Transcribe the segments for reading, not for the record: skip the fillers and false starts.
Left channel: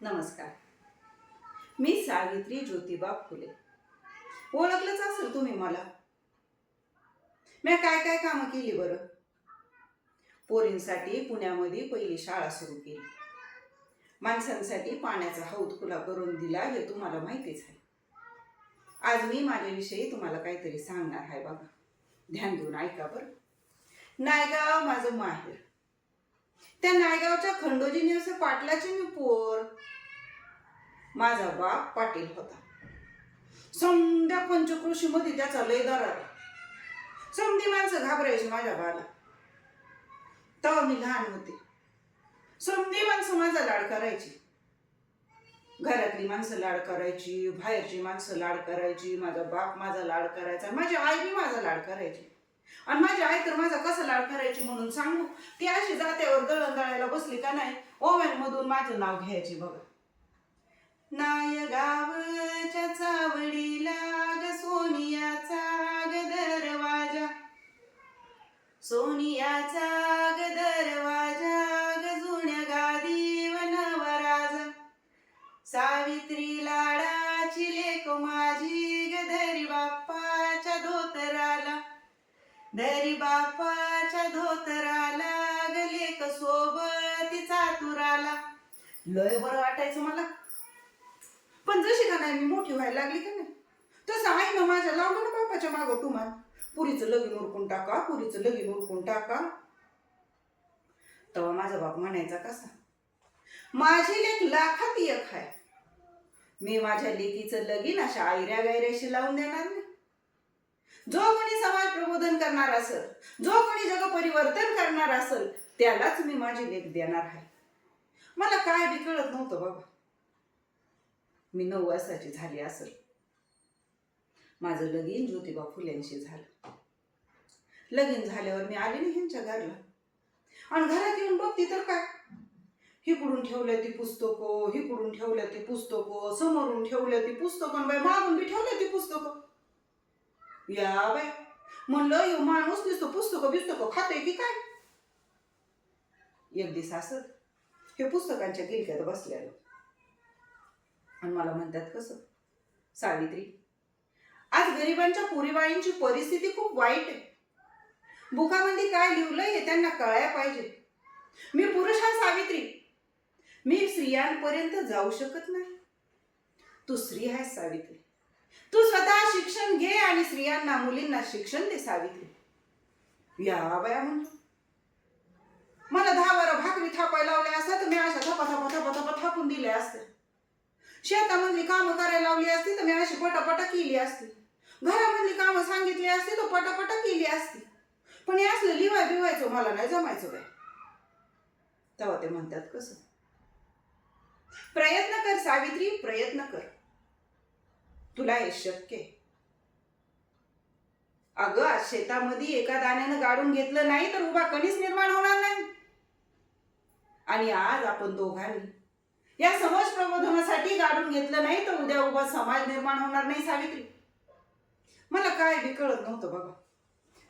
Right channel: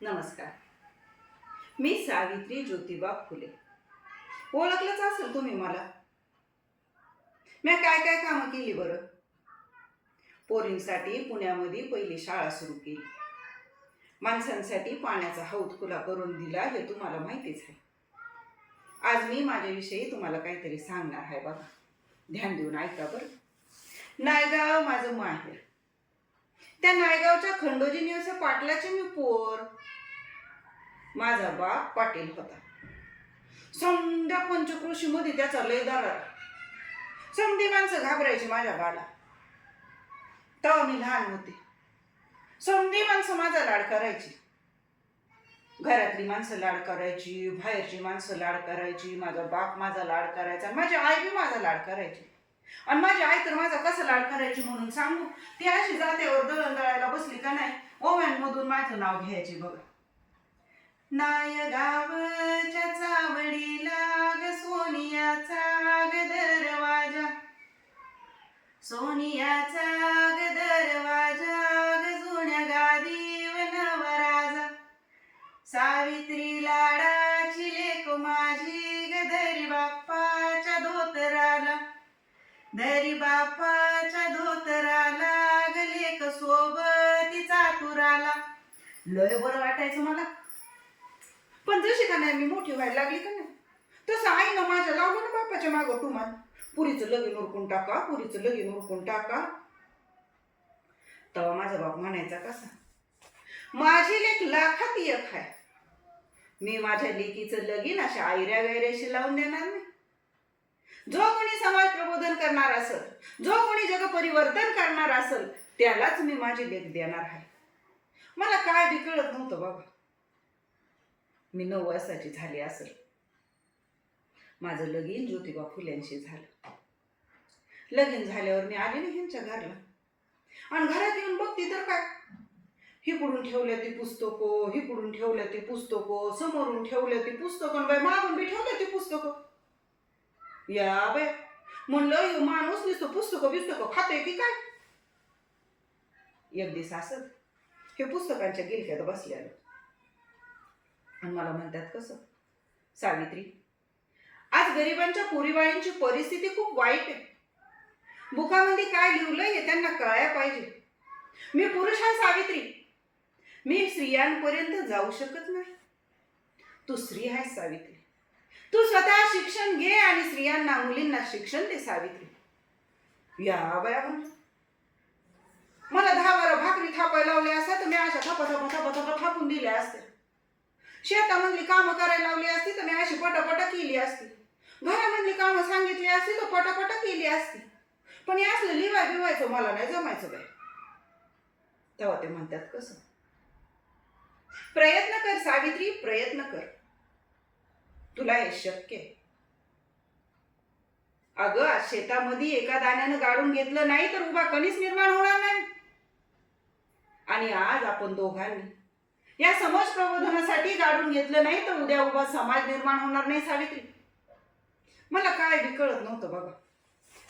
नमस्कार. मी सावित्री ज्योतिबा फुले. ओळखलंच असेल तुम्ही मला. मी काय काय कामं केली बरं. पोरींसाठी पुण्यामध्ये पहिली शाळा सुरू केली. माणसांसाठी पाण्याचा हौद खुला करून दिला हे तुम्हाला माहितीच आहे. आज मी माझ्याविषयी तुम्हाला काहीतरी सांगणार आहे बघा. ध्यान देऊन ऐका बरं. नायगाव माझं माहेर. त्या नायगावच्या खंडोजी निवसे पाटलाची मी पोर. माझा बाप पाटील होता. समद्या पंचकृषीमध्ये त्याचा लय दरार. समधी माणसं घाबरायची माझ्या बाला. तेव्हा मी लहान होते. समधी माणसं माझा लाड करायची. घरातली माणसं लाड करायची, बाहेरची माणसं लाड करायची, माझा बाप माझा लाड करायचा, माझी आई बी माझा लाड करायची. आणि माझी आई तर माझा कसा लाड करायची म्हणून सांगू. ती अशी जात्यावर दळण दळायला बसली का नाही, ओव्यांमधून माझं नाव घ्यायची बघा. नायगावच्या चावडीला ग सोनियाचा ग दरवाजा, सोनियाचा ग दरवाजा ग जुन्या गादीवर नवराजा. सावित्री लाडाची लेक माझी ग धरी बाप्पाच्या धोतराला, धरी बाप्पाच्या धोतराला ग लेक सोबतीचा तुराला. लय बरं वाटायचं मला. पण जशी का नाही मी मोठी व्हायला लागली का नाही, तसं आईनं माझ्या लावलं ना बापाच्या मागं टुमान. पुरीचं लगीन उरकून टाका, पुरीचं लगीन उरकून टाका. तेव्हा माझा बाप म्हणायचा कसा, माझी लेक लाखात एक आहे. मी माझ्या लेकीचं लगीन अशा आयऱ्या गायऱ्याशी लावून देणार नाही. जो कोणी समाज प्रबोधन करणार असेल, जो कोणी जग परिवर्तन करणार असेल, त्यालाच मी माझी लेक देणार आहे. मला काय बी कळत नव्हतं बाबा. मी 9 वर्षाची झाली असेल. माझं लगीन ज्योतिबा फुल्यांशी झालं. लगीन झाल्यावर मी आले ना ह्यांच्या घरला. आणि घरात येऊन बघते तर काय, हिकडून ठेवल्या ती पुस्तकं, हिकडून ठेवल्या ती पुस्तकं, समोरून ठेवल्या ती पुस्तकं, बाय मागून बी ठेवल्या ती पुस्तकं. या बाय म्हणलं, यो माणूस नुसतं पुस्तकं बिस्तकं खाते की काय. एक दिवस असं हे पुस्तकांच्या गिलक्यात बसलेलं आणि मला म्हणतात कसं, सावित्री आज गरिबांच्या पोरीबाळींची परिस्थिती खूप वाईट आहे. बुकामध्ये काय लिहिलंय हे त्यांना कळायला पाहिजे. मी पुरुष आहे सावित्री, मी स्त्रियांपर्यंत जाऊ शकत नाही. तू स्त्री आहेस सावित्री. तू स्वतः शिक्षण घे आणि स्त्रियांना मुलींना शिक्षण दे सावित्री. या बया म्हणलं, मला 10-12 भाकरी थापायला लावल्या असत्या तर मी अशा थपा थपा थपा थपा थापून दिल्या असत्या. शेतामधली कामं करायला लावली असती तर मी अशी पटापटा केली असती. घरामधली कामं सांगितली असती तर पटापटा केली असती. पण हे असलं लिवाय बिवायचं मला नाही जमायचं बाय. तेव्हा ते म्हणतात कसं, प्रयत्न कर सावित्री, प्रयत्न कर, तुला हे शक्य आहे. अगं आज शेतामध्ये एका दाण्यानं गाडून घेतलं नाही तर उभा कणीस निर्माण होणार नाही. आणि आज आपण दोघांनी या समाज प्रबोधनासाठी गाडून घेतलं नाही तर उद्या उभा समाज निर्माण होणार नाही सावित्री. मला काय बी कळत नव्हतं बघा.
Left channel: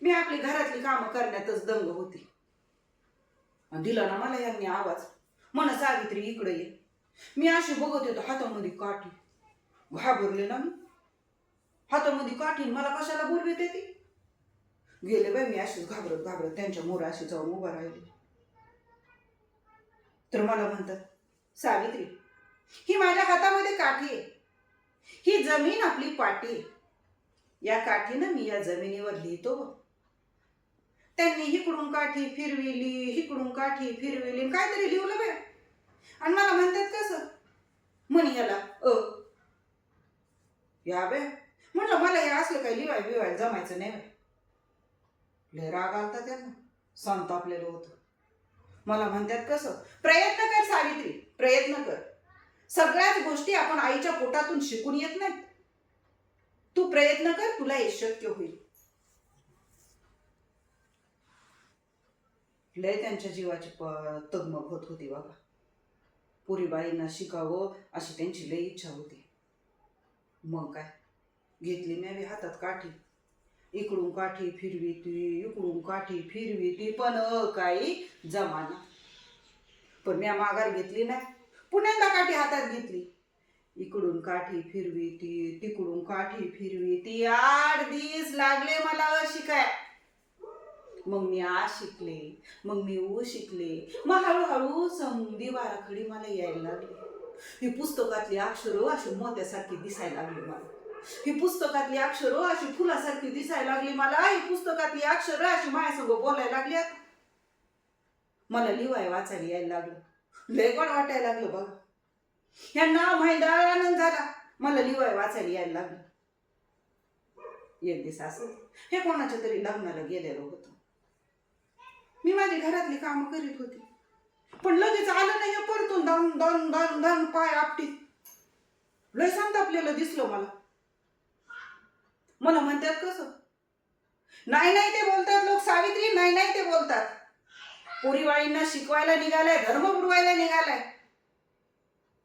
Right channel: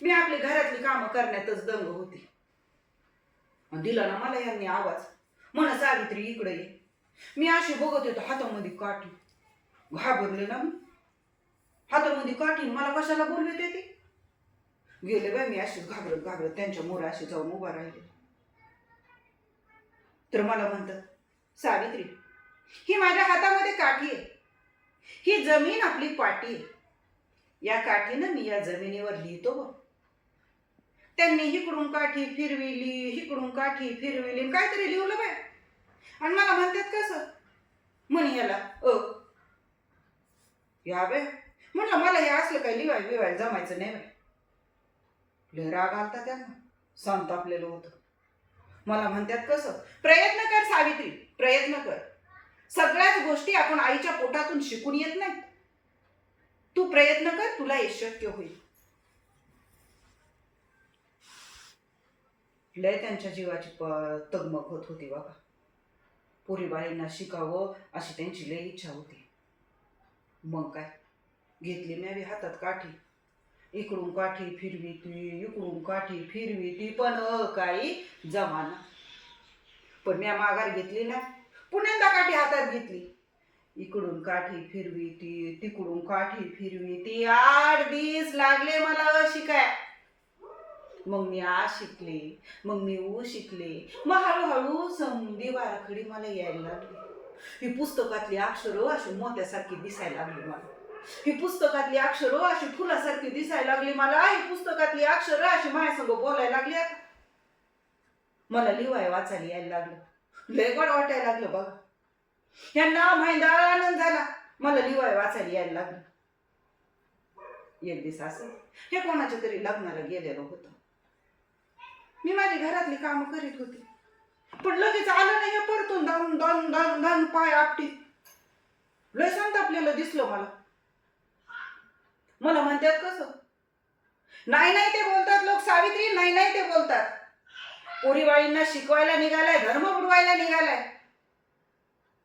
मी आपली घरातली कामं करण्यातच दंग होती. दिला ना मला यांनी आवाज, म्हण सावित्री इकडे ये. मी अशी बघत येतो, हातामध्ये काठी. घाबरले ना मी. हातामध्ये काठी, मला कशाला बोलवित येते. गेले बाई मी अशीच घाबरत घाबरत त्यांच्या मोरा अशी जाऊन उभा राहिले. तर मला म्हणतात, सावित्री ही माझ्या हातामध्ये काठी आहे. ही जमीन आपली पाठी आहे. या काठीनं मी या जमिनीवर लिहितो. त्यांनी हिकडून काठी फिरविली, हिकडून काठी फिरविली, काहीतरी लिहिलं बाय. आणि मला म्हणतात कसं, म्हणे याला या बे. म्हणलं मला हे असलं काही लिवाय बिवाय जमायचं नाही बाय. लय राग आलता त्यांना, संतापलेलं होतं. मला म्हणतात कसं, प्रयत्न कर सावित्री, प्रयत्न कर. सगळ्याच गोष्टी आपण आईच्या पोटातून शिकून येत नाही. तू प्रयत्न कर, तुला हे शक्य होईल. लय त्यांच्या जीवाची तगमग होत होती बाबा. पोरीबाईंना शिकावं अशी त्यांची लय इच्छा होती. मग काय, घेतली मी हातात काठी. इकडून काठी फिरवी ती, इकडून काठी फिरवी ती, पण काही जमाना. पण मी माघार घेतली नाही. पुण्यांदा काठी हातात घेतली, इकडून काठी फिरवी ती, तिकडून काठी फिरवी ती. 8 दिवस लागले मला शिकाय. मग मी आ शिकले, मग मी ऊ शिकले, मग हळूहळू समधी बाराखडी मला यायला लागली. ही पुस्तकातली अक्षरं अशी मोत्यासारखी दिसायला लागली मला. ही पुस्तकातली अक्षरं अशी फुलासारखी दिसायला लागली मला. ही पुस्तकातली अक्षरं अशी माझ्यासंग बोलायला लागली. आता मला लिवाय वाचायला यायला लागलं. लय गोड वाटायला लागलं बघा. ह्यांना माहिती आनंद झाला, मला लिवाय वाचायला यायला लागलं. एक दिवस असं हे कोणाच्या तरी लग्नाला गेलेलं होतं. मी माझी घरातली कामं करीत होती, पण लगेच आलं नाही हे परतून धान धान धान धान पाय आपटीत. लय संतापलेलं दिसलं मला. मला म्हणतात कसं, नाही नाही ते बोलतात लोक सावित्री, नाही नाही ते बोलतात. पोरीबाळींना शिकवायला निघालाय, धर्म बुडवायला निघालाय.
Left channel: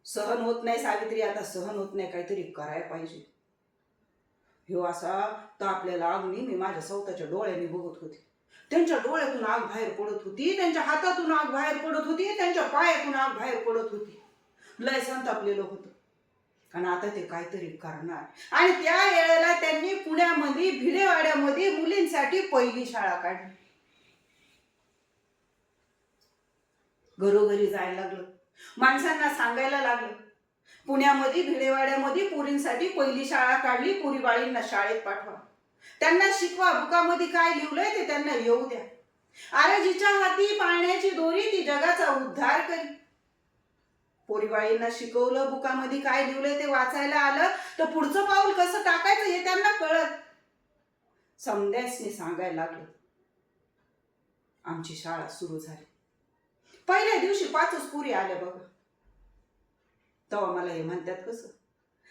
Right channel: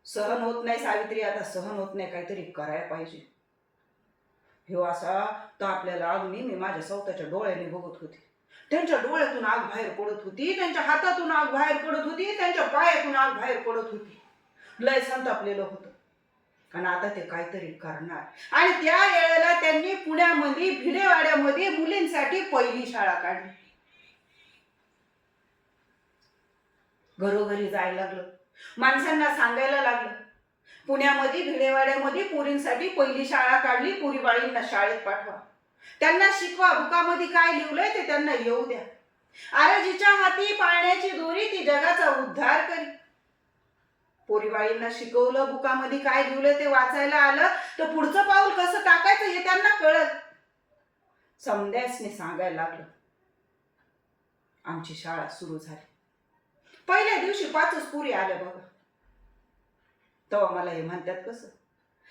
सहन होत नाही सावित्री, आता सहन होत नाही, काहीतरी करायला पाहिजे. ह्यो असा तर आपल्याला अग्नी मी माझ्या स्वतःच्या डोळ्याने बघत होते. त्यांच्या डोळ्यातून आग बाहेर पडत होती, त्यांच्या हातातून आग बाहेर पडत होती, त्यांच्या पायातून आग बाहेर पडत होती. लय संतापलेलं होतं. आणि आता ते काहीतरी करणार. आणि त्या वेळेला त्यांनी पुण्यामध्ये भिडेवाड्यामध्ये मुलींसाठी पहिली शाळा काढली. घरोघरी जायला लागलं, माणसांना सांगायला लागलं, पुण्यामध्ये भिडेवाड्यामध्ये पोरींसाठी पहिली शाळा काढली, पोरीबाळींना शाळेत पाठवा, त्यांना शिकवा, बुकामध्ये काय लिहिलंय ते त्यांना येऊ द्या. अरे जिच्या हाती पाळण्याची दोरी ती जगाचा उद्धार करी. पोरीबाळींना शिकवलं, बुकामध्ये काय लिहिलंय ते वाचायला आलं, तर पुढचं पाऊल कसं टाकायचं हे त्यांना कळत. समद्यासने सांगायला लागलं. आमची शाळा सुरू झाली. पहिल्या दिवशी 5च पोरी आल्या बघा. तेव्हा मला हे म्हणतात कसं,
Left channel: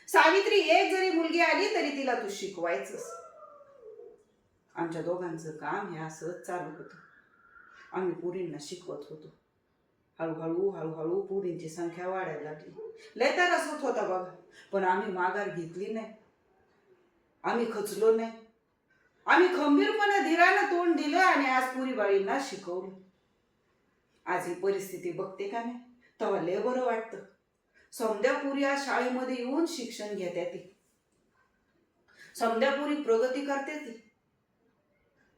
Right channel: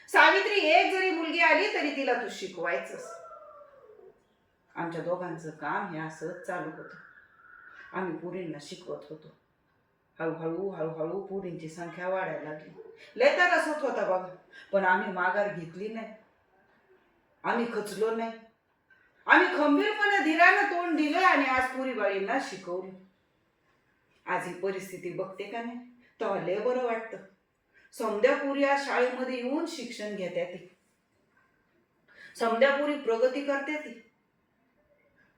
सावित्री एक जरी मुलगी आली तरी तिला तू शिकवायचंस. आमच्या दोघांचं काम हे असंच चालू होतं. आम्ही पोरींना शिकवत होतो. हळूहळू हळूहळू पोरींची संख्या वाढायला लागली. लय त्रास होत होता बघा, पण आम्ही माघार घेतली नाही, आम्ही खचलो नाही. आम्ही खंबीरपणे धीरानं तोंड दिलं आणि आज पोरीबाळींना शिकवलं. आज ही परिस्थिती बघते का नाही, तेव्हा लय बरं वाटतं. समद्या पुरी आज शाळेमध्ये येऊन शिक्षण घेते, ते समद्या पुरी प्रगती करते. ती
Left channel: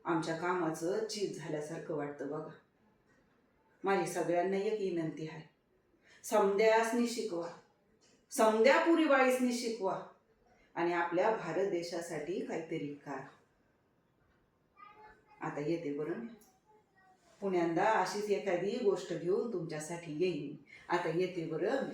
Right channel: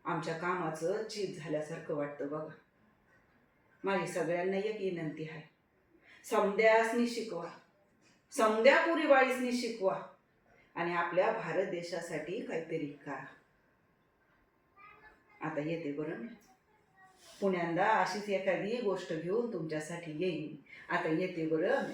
आमच्या कामाचं चीज झाल्यासारखं वाटतं बघा. माझी सगळ्यांना एक विनंती आहे, समद्यासनी शिकवा, समद्या पुरीबाळीसनी शिकवा आणि आपल्या भारत देशासाठी काहीतरी करा. आता येते बरं, पुण्यांदा अशीच एखादी गोष्ट घेऊन तुमच्यासाठी येईन. आता येते बरं.